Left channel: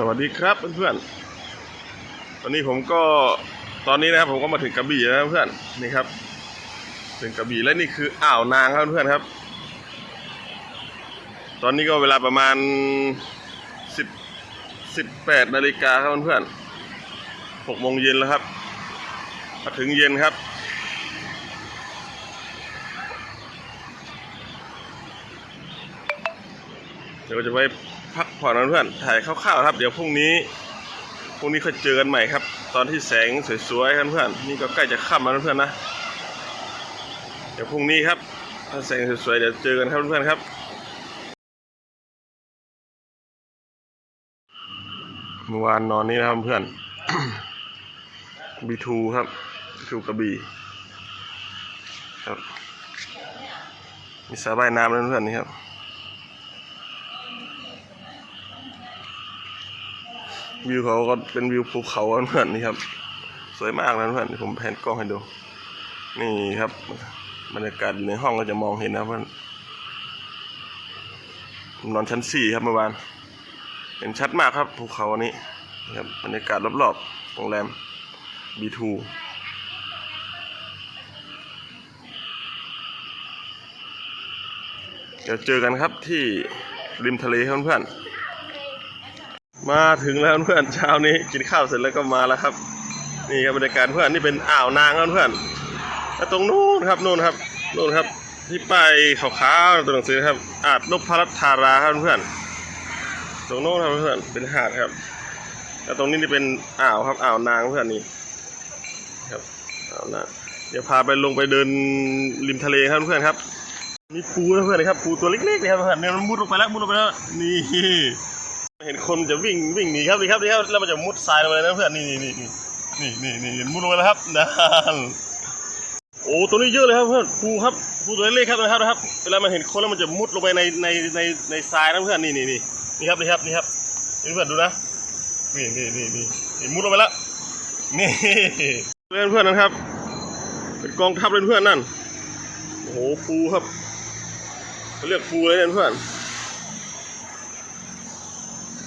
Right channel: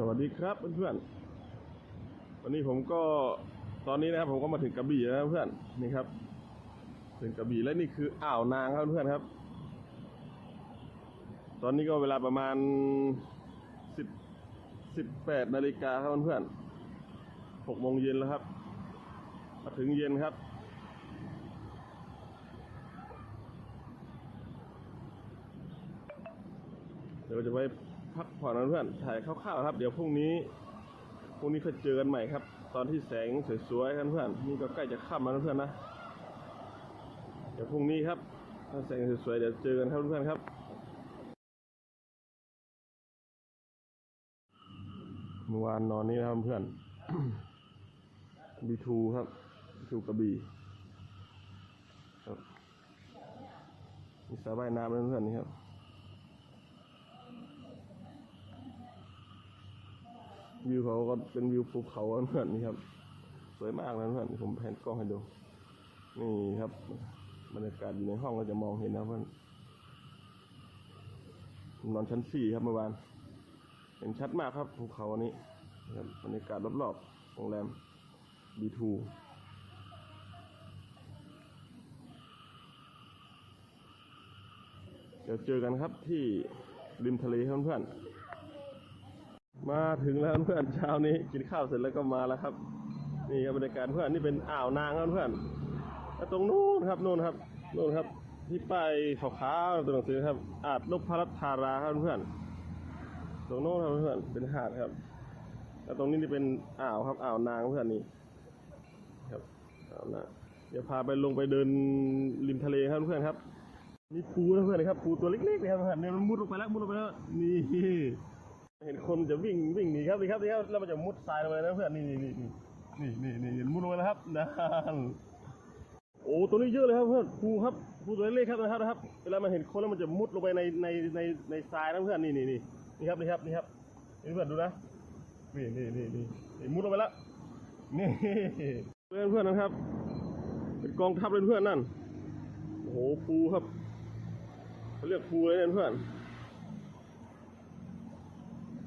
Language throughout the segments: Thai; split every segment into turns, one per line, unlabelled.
สวัสดีครับเพื่อนๆตอนนี้ผมก็ตอนนี้นะครับผมก็มาถึงกระบี่แล้วเพื่อนนี่ครับ ถึงกระบี่และนี่คืออ่าวนางครับเพื่อนครับ ตอนนี้ก็เวลาประมาณสิบสิบแปดนาฬิกาครับเพื่อนๆหกโมงเย็นแล้วครับมาถึงเย็นครับ ดี๋ยวจะไปพักผ่อนนะเพื่อนถ่ายคร่าวๆครับ เดี๋ยวพรุ่งนี้พรุ่งนี้ค่อยเจอกันใหม่ครับ ตอนที่แสงสวยๆครับเพื่อนนี่ก็ใกล้จะค่ำแล้วเพื่อนนะเดี๋ยวพรุ่งนี้ครับถ้าแสงสวยๆเดี๋ยวเจอกันครับเพื่อนครับเมื่อวานนอนนี่นะครับเพื่อนบีทูครับบีทูกระบี่ครับมีสระว่ายน้ำแล้วเพื่อนนี่ครับ วิวเขาก็เป็นวิวภูเขาเพื่อนนี่ครับ สวยมากนะเพื่อนผมแผนกล้องให้ดู นี่ครับบรรยากาศในห้องก็จะมองเห็นนะเพื่อนผมนอนชั้นสี่ครับเมื่อวานเห็นชัดมากครับภูเขาอันนี้ครับบรรยากาศรอบๆโรงแรม B2 เดี๋ยวเจอกันครับที่ริมทะเลเพื่อนๆ มาถึงแล้วเพื่อนเช้านี้กินข้าวเสร็จแล้วก็มาแล้วครับ นี่ครับบรรยากาศเพื่อนนี่เป็นอ่าวนางครับเพื่อนแล้วตรงนู้นครับนู้นครับนู้นครับ ที่ป้ายขาวๆตัวหนังสือครับอาจนพรัตธาราครับเพื่อนตรงโน้นครับเพื่อนเป็นหาดครับ แล้วตรงนี้นี่เป็นอ่าวครับอ่าวนางเพื่อนนี่ครับอ่าวนางเดี๋ยวพาไปลงไปเดินริมทะเลครับเพื่อนครับ มีปูนะเพื่อนครับปูตัวเล็กๆเลยครับเพื่อนเนี่ยมันมุดลงไปแล้วมุดลงไปแล้วนี่ เห็นคนจะวิ่งวิ่งหนีครับนี่ครับนี่ครับแล้วมันจะมุดทรายลงไปนะเพื่อนนี่นี่นี่นี่นี่นี่มุดลงไปแล้วครับนั่นโอ้ตัวนี้เยอะเลยครับเพื่อนปูครับปูตัวเล็กครับนะครับนะครับเวลามันเห็นคนแล้วมันจะมุดลงไปในในในในทรายนะเพื่อนนี่นี่นี่นี่ครับนี่ครับนี่ครับเพื่อนดูนะนี่นี่นี่นี่มุดลงไปแล้วนี่เพื่อนเพื่อนนะครับเป็นกองทัพเลยเพื่อนนั่นโอ้โหปูครับเขาเรียกปูเลยเนี่ยเพื่อน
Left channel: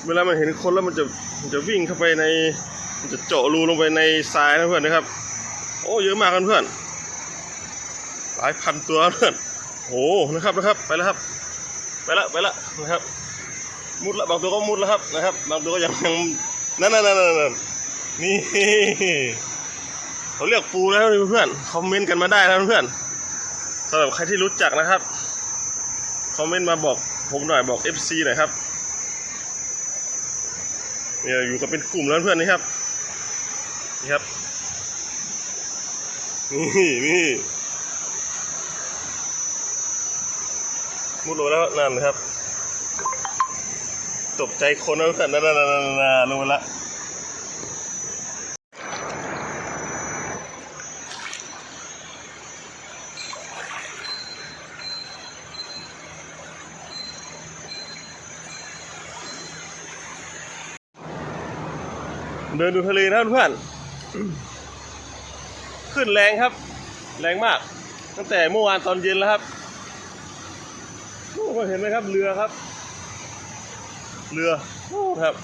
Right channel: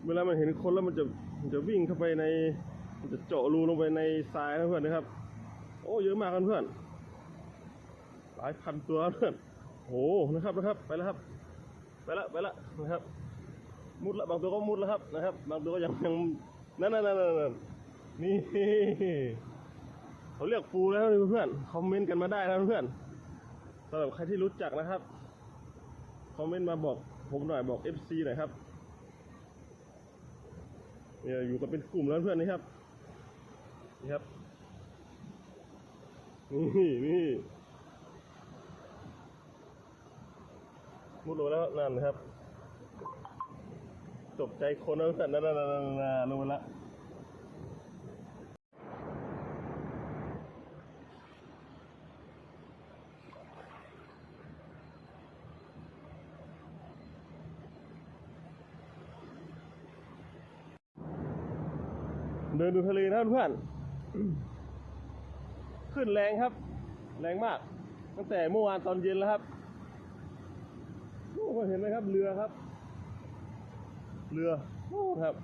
เวลามันเห็นคนแล้วมันจะมันจะวิ่งเข้าไปในมันจะเจาะรูลงไปในทรายนะเพื่อนนะครับ โอ้เยอะมากกันเพื่อน หลายพันตัวเพื่อนโอ้นะครับนะครับไปแล้วครับ ไปละไปละนะครับ มุดละบางตัวก็มุดแล้วครับนะครับ บางตัวก็ยังยังนั่นนั่นนั่นนั่นนี่เขาเรียกปูแล้วเพื่อนคอมเมนต์กันมาได้นะเพื่อนสำหรับใครที่รู้จักนะครับคอมเมนต์มาบอกผมหน่อยบอก FC หน่อยครับ เนี่ยอยู่กับเป็นกลุ่มแล้วเพื่อนนี่ครับ นี่ครับ นี่นี่มุดลงแล้วนั่นนะครับ ตกใจคนนะเพื่อนนั่นนั่นนั่นลงไปละ เดินดูทะเลนะเพื่อนขึ้นแรงครับ แรงมาก ตั้งแต่เมื่อวานตอนเย็นแล้วครับโอ้เห็นไหมครับ เรือครับ เรือโอ้ครับ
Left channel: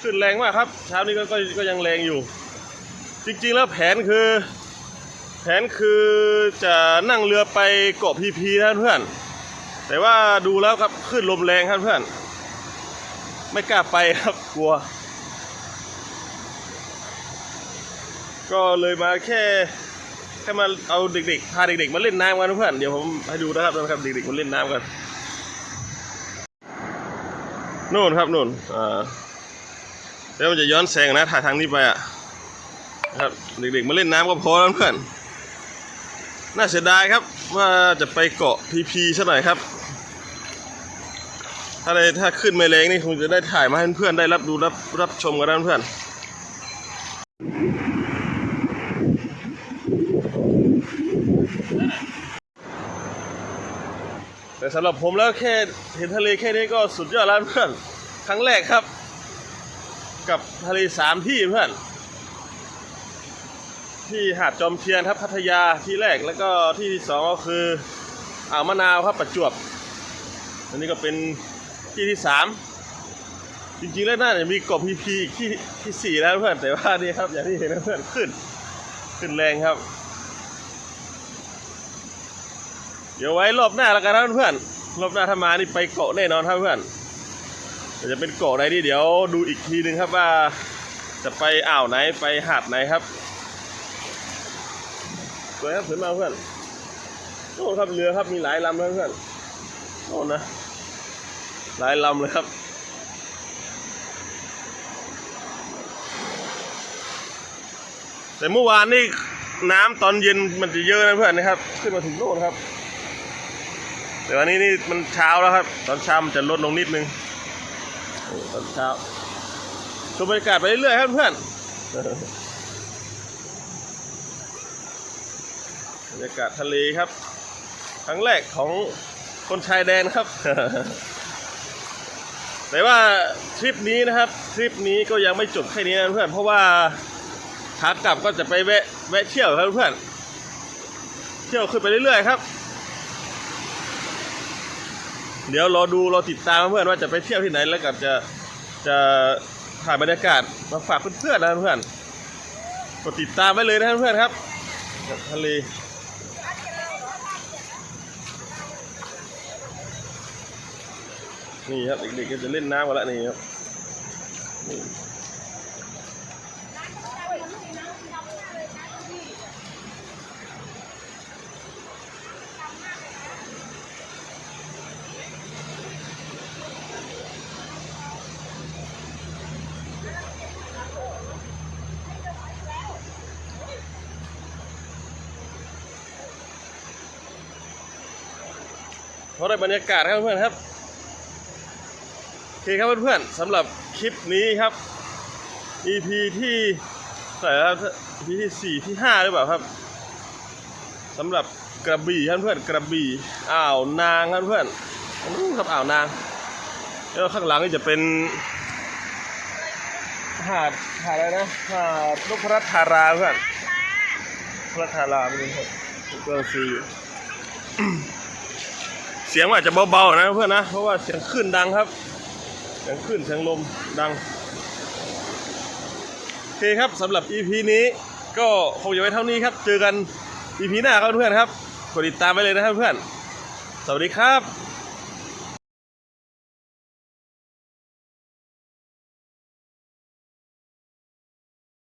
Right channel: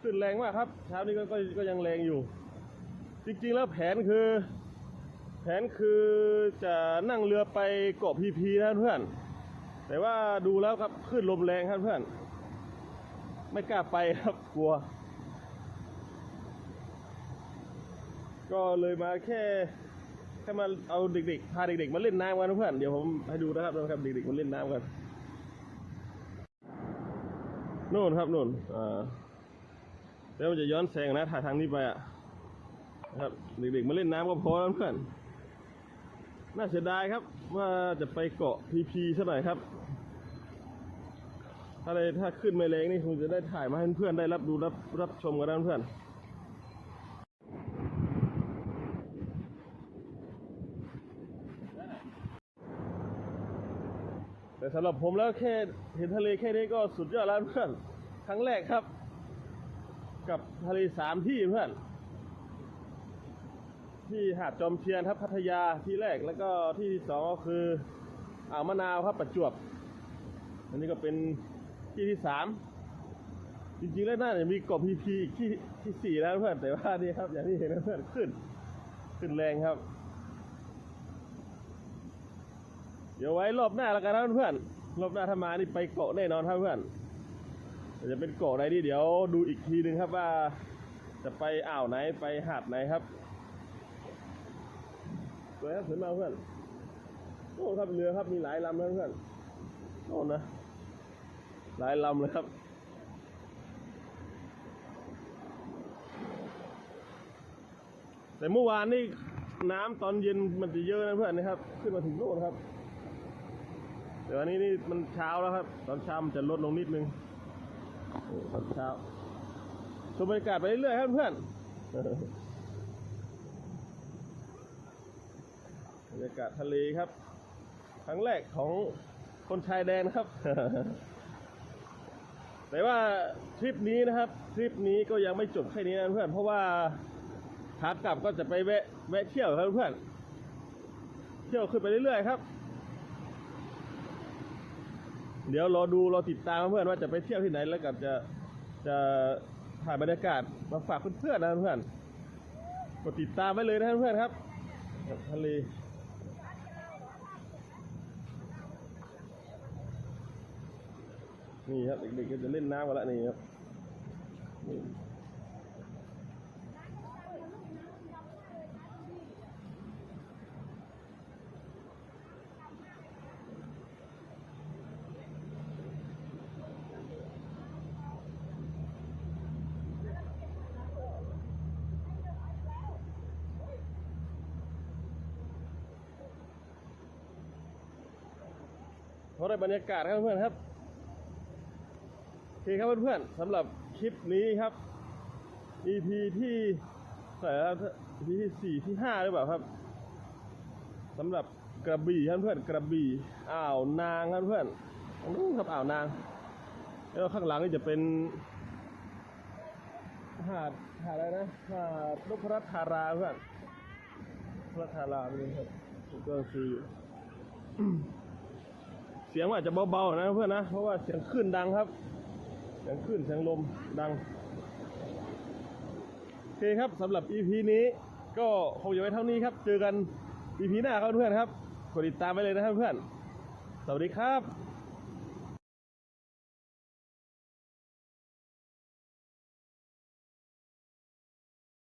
ขึ้นแรงมากครับ เช้านี้ก็ก็ก็ยังแรงอยู่ จริงๆแล้วแผนคือ แผนคือจะนั่งเรือไปเกาะพีพีนะเพื่อน แต่ว่าดูแล้วครับขึ้นลมแรงครับเพื่อน ไม่กล้าไปครับกลัว ก็เลยมาแค่แค่มาเอาเด็กๆพาเด็กๆมาเล่นน้ำกันนะเพื่อนเดี๋ยวผมให้ดูนะครับนะครับเด็กๆมาเล่นน้ำกันนู่นครับนู่นอ่าแล้วมันจะย้อนแสงนะถ่ายทางนี้ไปอะนะครับเด็กๆมาเล่นน้ำก็พอแล้วเพื่อน น่าเสียดายครับว่าจะไปเกาะพีพีซะหน่อยครับ ถ้าได้ถ้าขึ้นไม่แรงนี่คงจะได้ถ่ายมาให้เพื่อนได้รับดูรับรับชมกันนะเพื่อนแต่สำหรับผมแล้วแค่เห็นทะเลแค่นี้ก็สุดยอดแล้วเพื่อนครั้งแรกครับ กับทะเลสามที่เพื่อน ที่หาดจอมเทียนครับพัทยาที่แรกแล้วก็ที่ที่สองก็คืออ่าวมะนาวครับประจวบอันนี้ก็เป็น ที่ที่สามจริงๆแล้วน่าจะมีกบพีพีที่ที่สี่แล้วเพื่อนแต่ว่านี่ครับ อย่างที่เห็นนะเพื่อนขึ้น ขึ้นแรงครับ เดี๋ยวไว้รอบหน้าแล้วกันนะเพื่อนรอบหน้าถ้ามานี่ไปเกาะแน่นอนครับเพื่อนจะเป็นเกาะไหนนี่เดี๋ยวดูอีกทีหนึ่งครับว่า จะไปอ่าวไหนไปหาดไหนครับสวยครับสวยมากเพื่อนโอ้ครับเรือครับมีหลายลำเพื่อนโอ้นะ หลายลำเลยครับ แต่เมื่อวานนี่น้ำตอนเย็นมันจะเยอะนะเพื่อนนะครับ ขึ้นมาถึงโน่นครับ แต่วันนี้นี่มันเช้าแล้วครับ ตอนเช้ามันจะลดลงนิดนึงตอนเช้าชมบรรยากาศไปเรื่อยๆครับเพื่อนบรรยากาศทะเลครับ ครั้งแรกของคนชายแดนครับ แต่ว่าทริปนี้นะครับทริปนี้ก็ยังไม่จบแค่นี้นะเพื่อนเพราะว่าขากลับก็จะไปแวะแวะเที่ยวครับเพื่อนเที่ยวขึ้นไปเรื่อยๆครับ เดี๋ยวรอดูรอติดตามเพื่อนว่าจะไปเที่ยวที่ไหนแล้วกับจะจะถ่ายบรรยากาศมาฝากเพื่อนๆนะเพื่อนกดติดตามไว้เลยนะเพื่อนครับกับทะเล นี่ครับเด็กๆก็จะเล่นน้ำกันแล้วนี่ครับนี่เพราะได้บรรยากาศครับเพื่อนครับ อเคครับเพื่อนๆสำหรับคลิปนี้ครับ EP ที่เท่าไหร่แล้วครับ EP ที่สี่ที่ห้าหรือเปล่าครับสำหรับกระบี่ครับเพื่อนกระบี่อ่าวนางครับเพื่อนอันนู้นครับอ่าวนางแล้วข้างหลังนี่จะเป็นหาดหาดอะไรนะหาดนพรัตธาราเพื่อนพรัตธาราไม่รู้ครับก็คือเสียงอาจจะเบาๆนะเพื่อนนะเพราะว่าเสียงคลื่นดังครับ ทั้งขึ้นทั้งลมดังโอเคครับสำหรับ EP นี้ก็คงจะไว้เท่านี้ครับ เจอกัน EP หน้าครับเพื่อนครับกดติดตามไปเลยนะครับเพื่อน สวัสดีครับ